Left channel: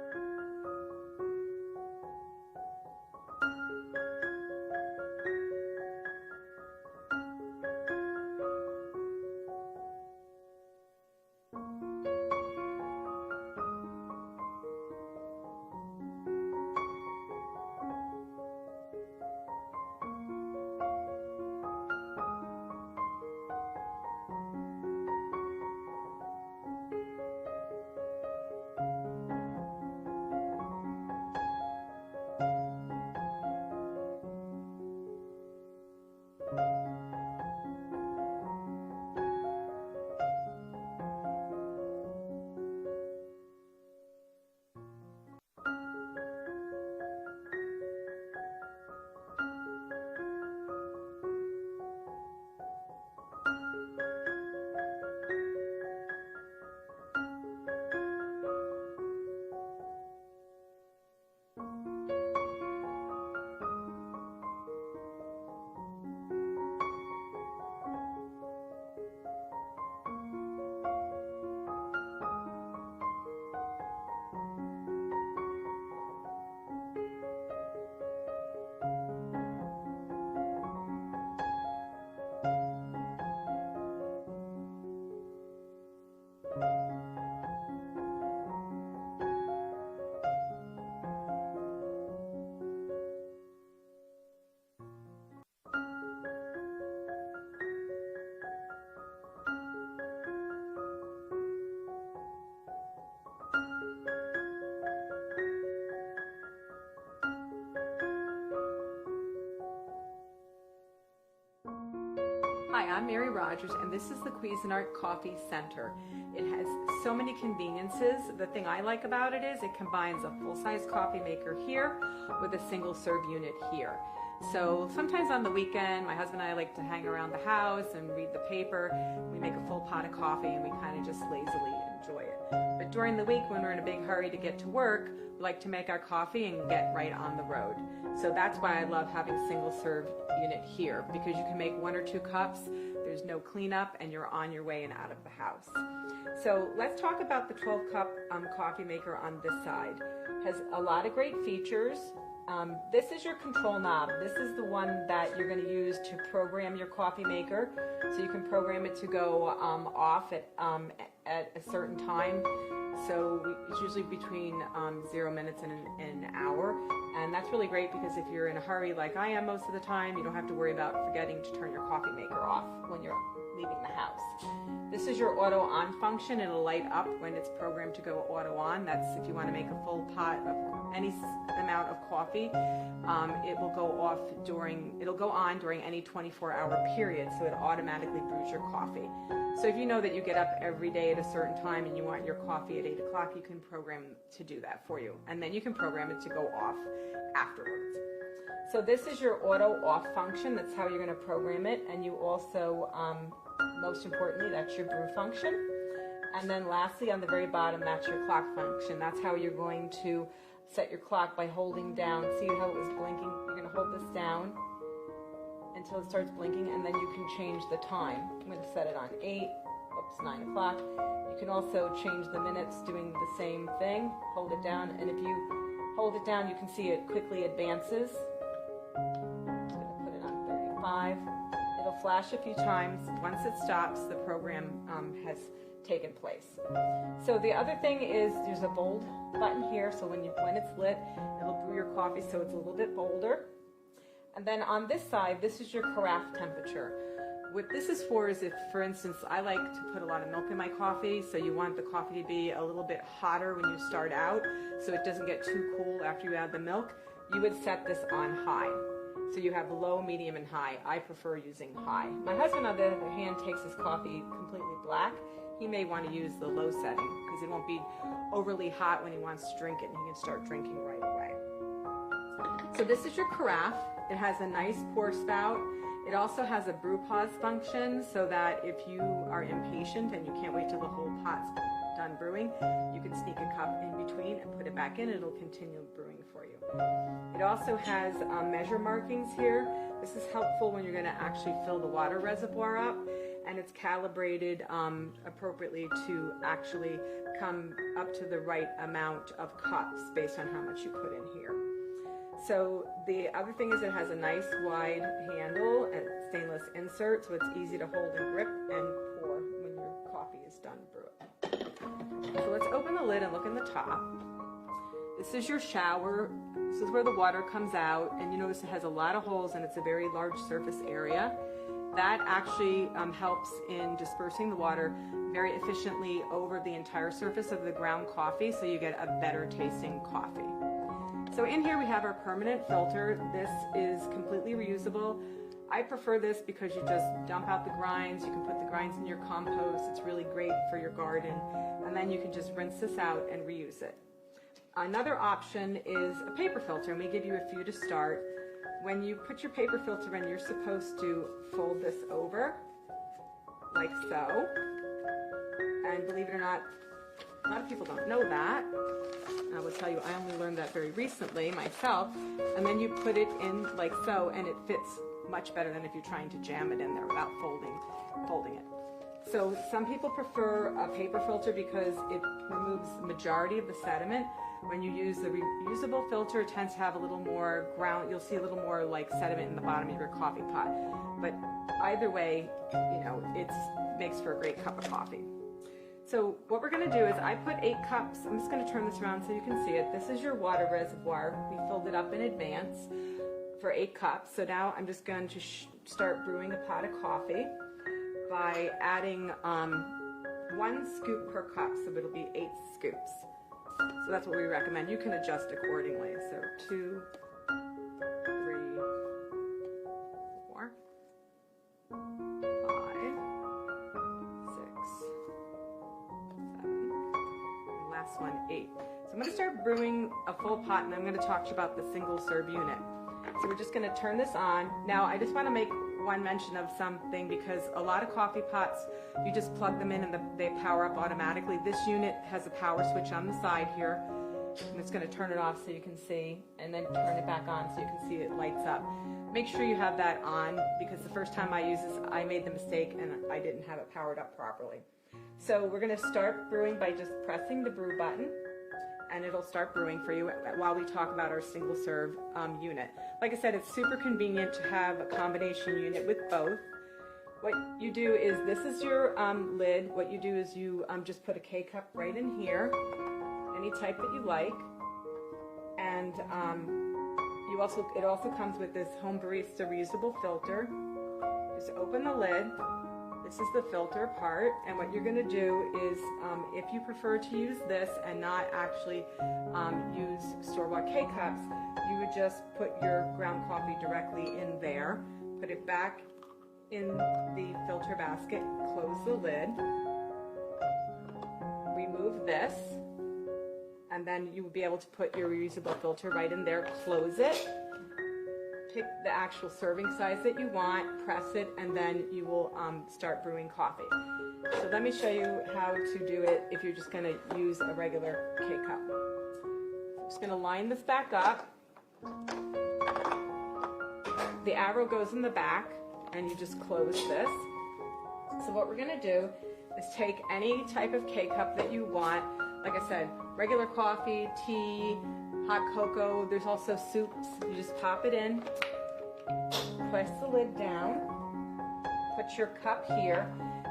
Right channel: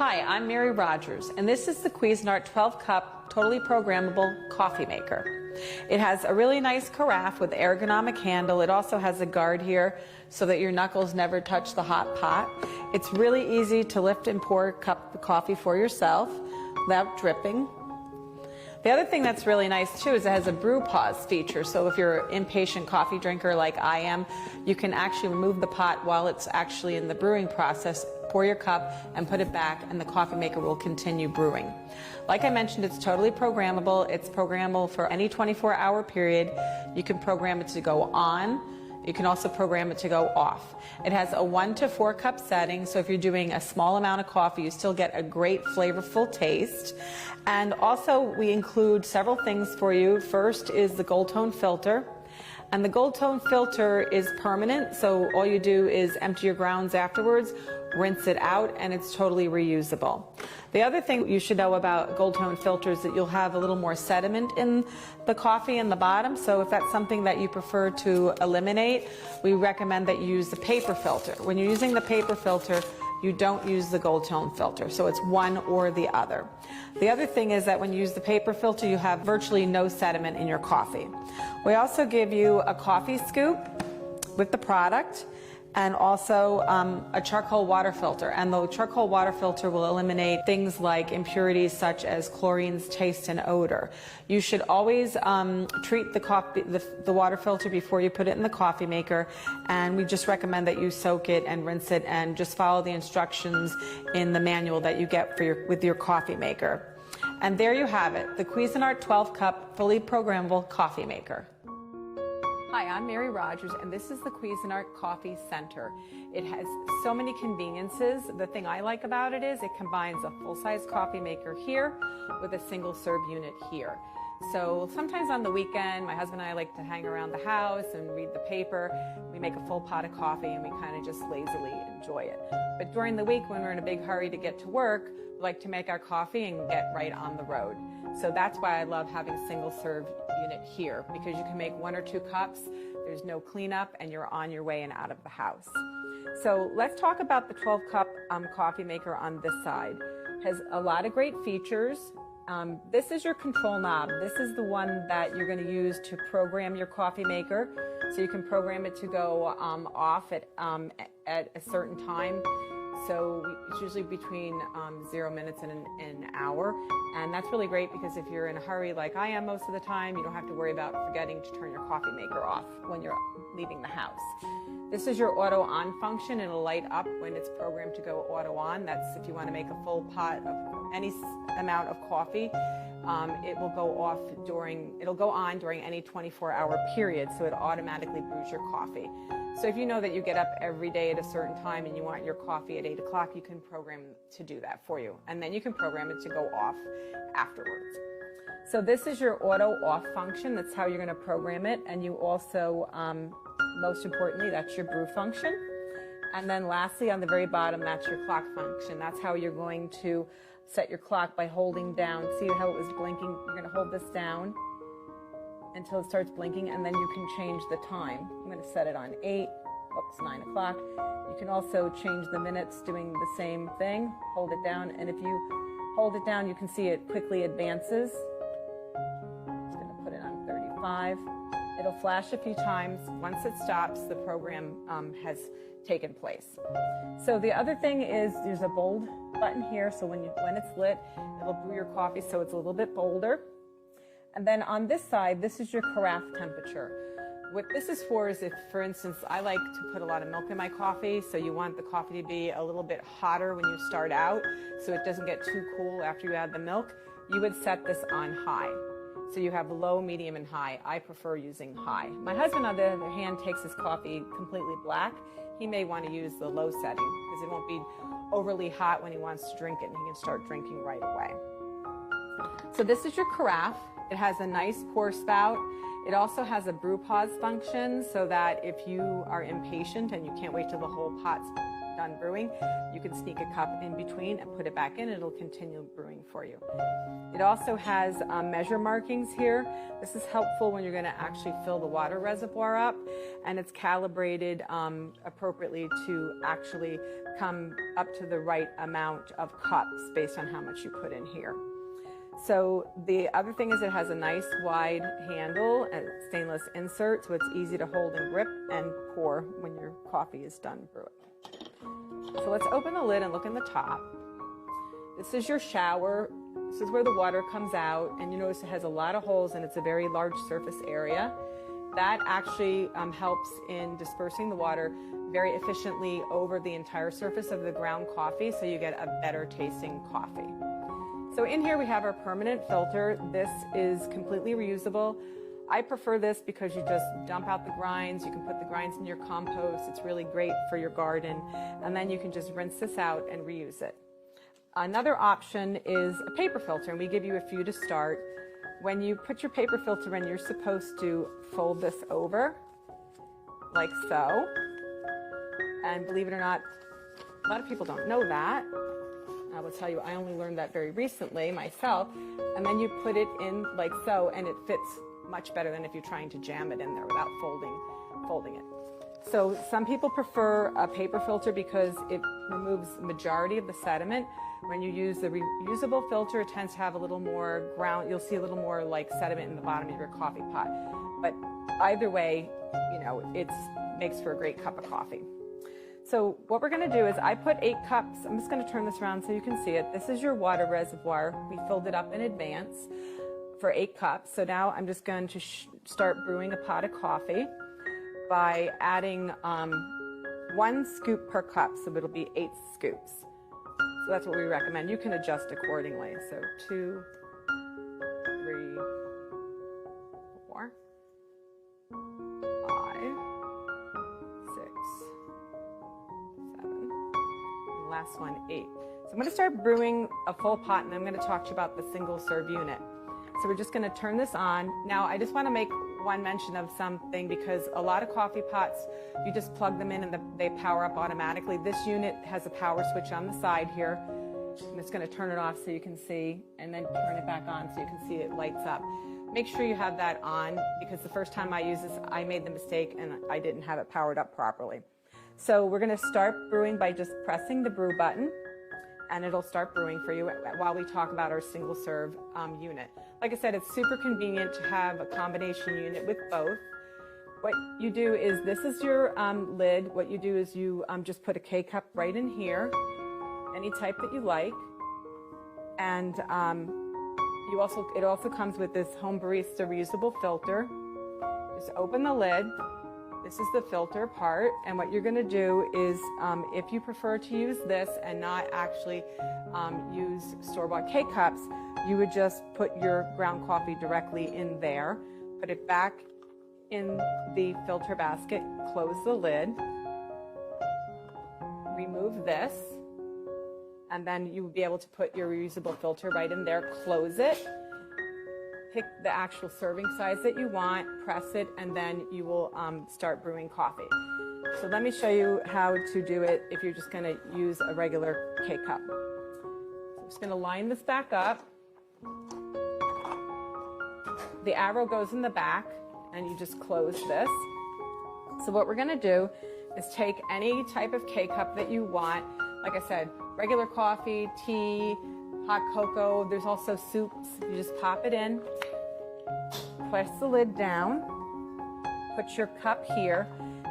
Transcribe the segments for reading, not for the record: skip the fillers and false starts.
Hi, I'm Mary Rogers, and this is the Cuisinart 12-cup totally programmable coffee maker. It has a really nice carafe with ergonomic handle. It also has a guard here so that your knuckles never touch the hot pot. It's really easy to lift and pour a cup of coffee for yourself without dripping. The other thing that's really nice too is it has a brew pause feature, so if you're an impatient coffee drinker like I am, you can actually remove the pot while it's actually in the brewing process, pour your cup and put it back, and the coffee maker will continue brewing. Like I mentioned, it's totally programmable. It's programmable for any 24-hour period. You can program it to go on. You can also program it to go off. It has a 1 to 4 cup setting, so if you're doing a small amount of coffee, you still get a great flavorful taste. And also we include several things for you. First is the Gold Tone filter. And the Gold Tone filter is permanent, so all you do is empty your grounds afterwards, rinse it out, and it's totally reusable. The other thing you should know about Gold Tone filters is that you'll have a little more sediment in the coffee in the bottom, so if that's something that you prefer to eliminate, we recommend that you use the paper filter. When you're using the paper filter, you don't use the Gold Tone filter, so it's one or the other. The other thing is that when you use the paper filter, you have virtually no sediment in your coffee. We also give you a coffee scoop with the product, and also a charcoal water filter. And the charcoal water filter will eliminate things like impurities such as chlorines, taste, and odor. You should always treat the water filter before you put it in the coffee maker, and we just recommend that you soak it and rinse it and just follow the instructions in the manual that you get with your coffee maker. And there you have it, the Cuisinart 12-cup fully programmable coffee maker. Hi, I'm Mary Rogers, and this is the Cuisinart Coffee Center. It has so many conveniences. The thing I like about it is it combines a full-size coffee maker here with a single-serve unit here. So sometimes on the weekend, my husband and I like to hang around the house and read the paper. We make a full pot of coffee and we kind of just lazily enjoy it. But during the week, when we're in a big hurry to get to work, we like to make our coffee and get right on the road. So that's why I love having single-serve unit here, because you can make 1 or 2 cups, there's no cleanup, and you're on your way and out of the house. So let's talk about the 12-cup coffee maker on this side. It has a lot of great features. This is your control knob. This is the one that you're going to use to program your coffee maker. So you can program it to go off at a certain time. So it's usually between 0 minutes and an hour. And that's really great because if you're in a hurry like I am most of the time, you don't have to worry about forgetting to turn your coffee maker off when you're leaving the house. This is your auto on function. It'll light up when it's programmed to go auto on. That's if you want to make a full pot of any amount of coffee. It will go on during any 24-hour period, so it automatically brews your coffee. So if you know that you get up every day at a certain time and you want your coffee at 8 o'clock, you can program to do that for you. And then you can program it to go off afterwards. So this is your auto off function. That's how you're going to program it. And you also, most importantly, that's your brew function. And then lastly, on the very bottom, that's your clock function. That's how you're going to set your clock by holding down. See how it was blinking? You're going to hold this down until it starts blinking, and then you can change the time. I'm going to set it on 9 o'clock. You can also change the minutes doing the same thing. Hold it down, and if you hold it down, you can see it quickly advances. I'm just going to put it on 35. It'll flash a few times. Once it stops, the program has taken place. So the other thing is there's a bold button here, so when it's lit, it'll brew your coffee so it's a little bit bolder. And then on this side, this is your carafe temperature. What this is for is if, for instance, I like to put a lot of milk in my coffee, so you want the coffee to be a little bit hotter when you start out, so it doesn't get too cool after you add the milk, you would set this on high. So you have low, medium, and high. I prefer using high. My husband, on the other hand, takes his coffee completely black. He may want to use the low setting because it won't be overly hot when he wants to drink it, and he can start drinking right away. So this is your carafe. It has a nice pour spout. It also has a brew pause function so that if you are impatient and you can't wait till the whole pot's done brewing, you can sneak a cup in between and put it back in. It'll continue brewing for you. It also has measure markings here. This is helpful when you're going to actually fill the water reservoir up. and it's calibrated appropriately to actually come up to the right amount of cups based on how much you put in here. So the other thing is it has a nice wide handle and stainless insert, so it's easy to hold and grip and pour when your coffee is done brewing. So let's open the lid and look in the top. This is your shower. This is where the water comes out, and you notice it has a lot of holes and it's a very large surface area. That actually helps in dispersing the water very efficiently over the entire surface of the ground coffee, so you get a better tasting coffee. So in here we have our permanent filter. This is completely reusable. I prefer this because you just dump out the grinds. You can put the grinds in your compost. It's really great for your garden. And then you can just rinse this out and reuse it. Another option is a paper filter, and we give you a few to start. When you put your paper filter in, you're supposed to fold this over like so. And believe it or not, a lot of people don't know that. I will tell you, I only learned that very recently myself. And then you put it in like so, and it fits much better than if you're trying to jam it in there without folding it. So some people prefer a paper filter because it removes the majority of the sediment. When you use the reusable filter, it tends to have a little more ground. You'll see a little more like sediment in the bottom of your coffee pot. But either way, you know, it makes for a great cup of coffee. So what we're going to do is I put 8 cups. I'm just going to turn this around so you can see it. This is your water reservoir. We filled it up in advance for 8 cups. So now I'm just going to start brewing a pot of coffee by adding 1 scoop per cup. So it'll be 8 scoops. So that's what we recommend. You can adjust accordingly. So 2, 3, 4, 5, 6, 7, and last one, 8. So I'm going to start brewing a full pot, and then I'm going to talk to you about the single serve unit. So we're just going to turn this on. Now I just want to make one mention of something, because a lot of coffee pots, you just plug them in and they power up automatically. This unit has a power switch on the side here. I'm just going to turn it off so you can see, and then turn it back on so you can see it lights up. Make sure you have that on, because the first time I used this, I made the mistake and I didn't have it powered up properly. So we're going to start brewing by just pressing the brew button, and it'll start brewing for you while we talk about our single serve unit. Like I said, it's super convenient to have a combination unit with both. What you do is, this is your lid. What you do is you just put a K-cup right in here, any type that you like. And it also comes with this Home Barista reusable filter. Just open the lid. This is the filter part, and what you're going to do is, if you prefer to use this and not actually use store-bought K-cups, you would just put your ground coffee directly in there, put it back in the filter basket, close the lid, remove this, and then you would be able to put your reusable filter right in there, close it, pick the actual serving size that you want, press it, and then you will start brewing coffee. So let me show you how to do it if you're just going to use a regular K-cup. I'm just going to line this back up. The arrow goes in the back, and you just close this. So what we're going to do is take any type of K-cup that you want. Like I said, regular coffee, tea, hot cocoa. There's also soups. You just pop it in, press the lid down, put your cup here.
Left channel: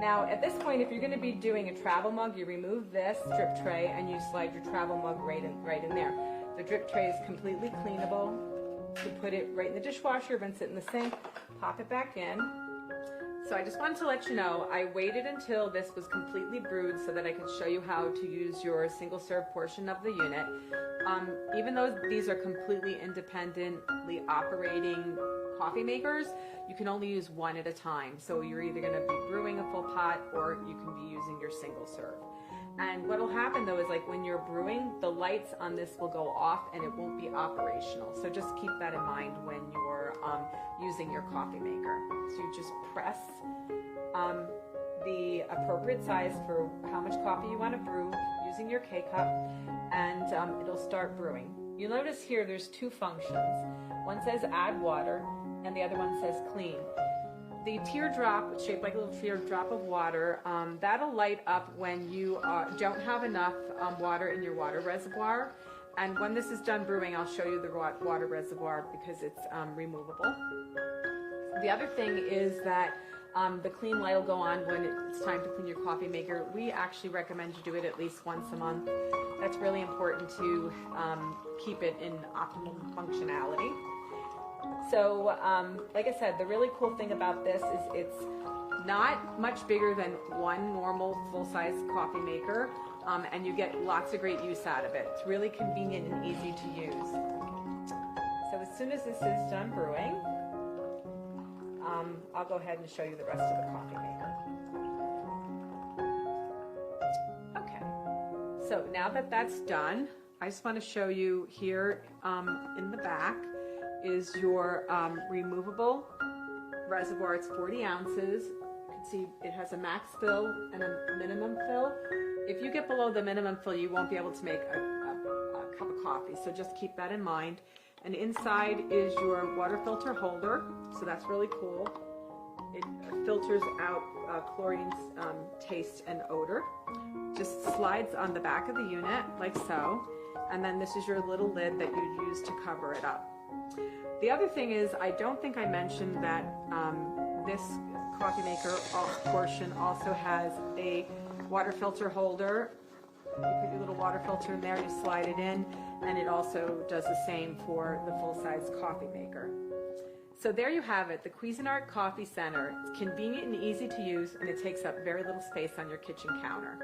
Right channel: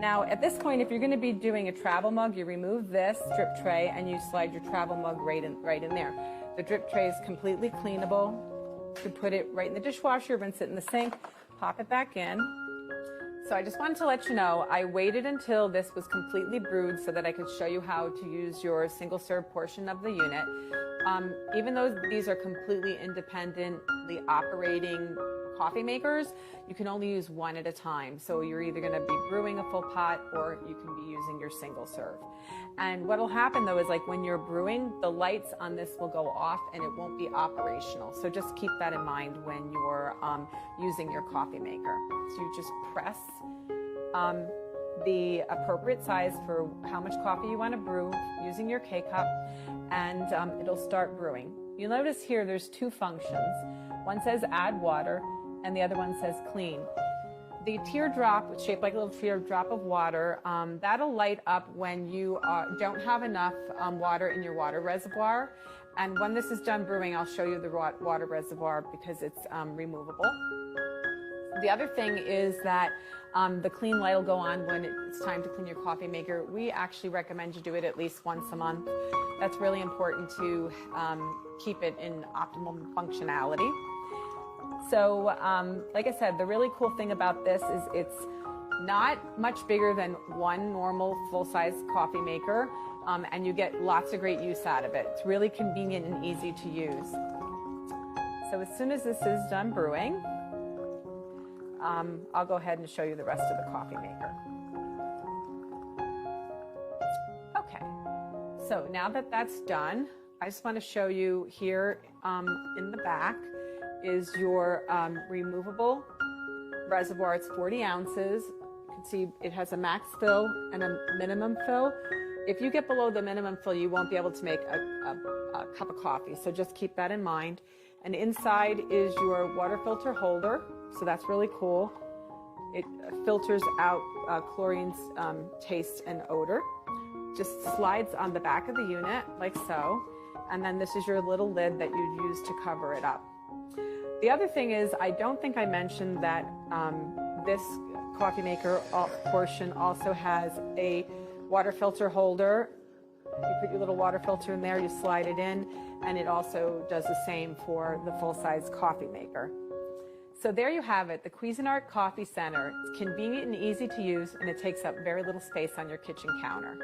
Now at this point, if you're going to be doing a travel mug, you remove this drip tray and you slide your travel mug right in there. The drip tray is completely cleanable. You put it right in the dishwasher, rinse it in the sink, pop it back in. So I just wanted to let you know, I waited until this was completely brewed so that I could show you how to use your single serve portion of the unit. Even though these are completely independently operating coffee makers, you can only use one at a time. So you're either going to be brewing a full pot, or you can be using your single serve. And what will happen though is, like when you're brewing, the lights on this will go off and it won't be operational. So just keep that in mind when you're using your coffee maker. So you just press the appropriate size for how much coffee you want to brew using your K-cup, and it'll start brewing. You'll notice here there's 2 functions. One says add water and the other one says clean. the teardrop, shaped like a little teardrop of water, that'll light up when you don't have enough water in your water reservoir. And when this is done brewing, I'll show you the water reservoir because it's removable. The other thing is that the clean light will go on when it's time to clean your coffee maker. We actually recommend you do it at least once a month. That's really important to keep it in optimal functionality. So, like I said, the really cool thing about this is it's not much bigger than one normal full-size coffee maker, and you get lots of great use out of it. It's really convenient and easy to use. So as soon as this is done brewing, I'll go ahead and show you the rest of the coffee maker. Okay, so now that that's done, I just want to show you here in the back is your removable reservoir. It's 40 ounces. You can see it has a max fill and a minimum fill. If you get below the minimum fill, you won't be able to make a cup of coffee, so just keep that in mind. And inside is your water filter holder, so that's really cool. It filters out chlorine's taste and odor. Just slides on the back of the unit like so, and then this is your little lid that you use to cover it up. The other thing is, I don't think I mentioned that this coffee maker portion also has a water filter holder. You put your little water filter in there, you slide it in, and it also does the same for the full-size coffee maker. So there you have it, the Cuisinart Coffee Center. It's convenient and easy to use, and it takes up very little space on your kitchen counter.